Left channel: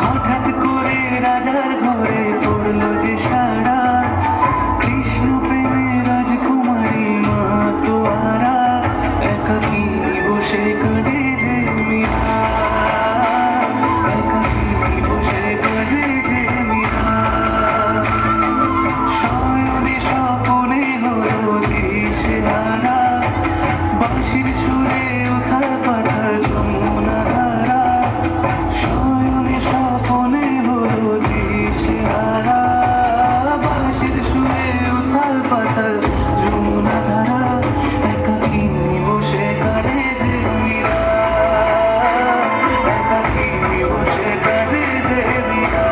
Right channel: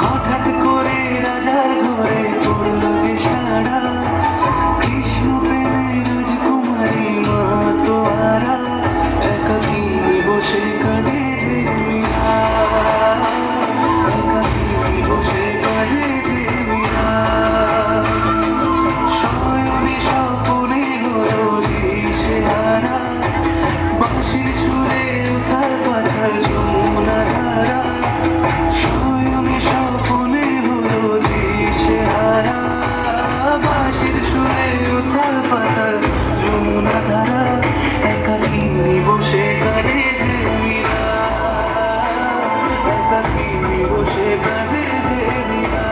হঠাৎ করে রাজার ঘরে পড়ল যে সারা, কৃষ্ণ প্রেমে রাজকুমারী মা তোয়ারা, একাকী বসে কাঁদে যে মীরা, একাকী বসে কাঁদে যে মীরা। শয়নে স্বপনে হলো দিশেহারা, বাঁশির সুরে উথাল পাথাল যমুনা ধারা। শয়নে স্বপনে হলো দিশেহারা, বাঁশির সুরে উথাল পাথাল যমুনা ধারা, একাকী বসে কাঁদে যে মীরা, একাকী বসে কাঁদে যে মীরা।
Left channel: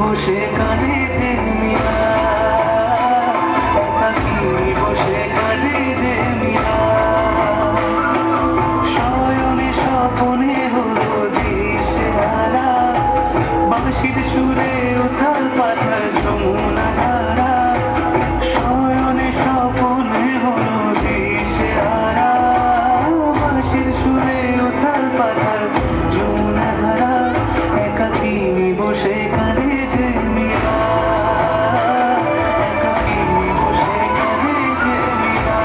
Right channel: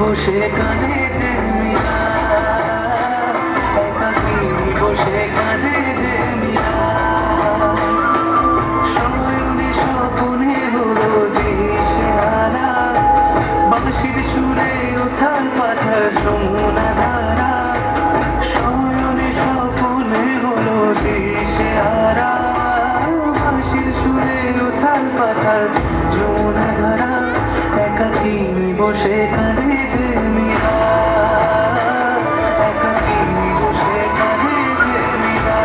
বসে কাঁদে যে মীরা, একাকী বসে কাঁদে যে মীরা। শয়নে স্বপনে হলো দিশেহারা, বাঁশির সুরে উথাল পাথাল যমুনা ধারা। শয়নে স্বপনে হলো দিশেহারা, বাঁশির সুরে উথাল পাথাল যমুনা ধারা, একাকী বসে কাঁদে যে মীরা, একাকী বসে কাঁদে যে মীরা,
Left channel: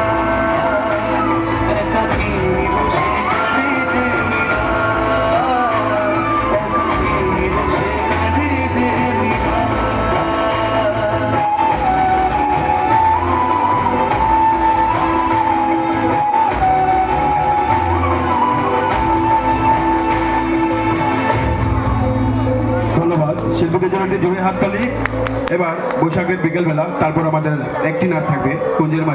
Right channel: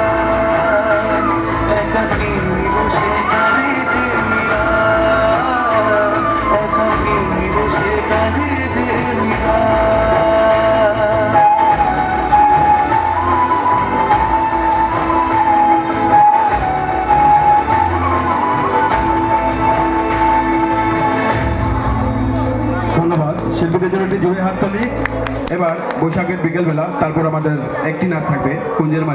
একাকী বসে কাঁদে যে মীরা, একাকী বসে কাঁদে যে মীরা। ধন্যবাদ শিল্পীদের জন্য একটি জোরে হাততালি। এবার বৈশাখের বিকেলবেলা, তারপর আমাদের একটি নাচ থাকবে কুঞ্জের মাঝে।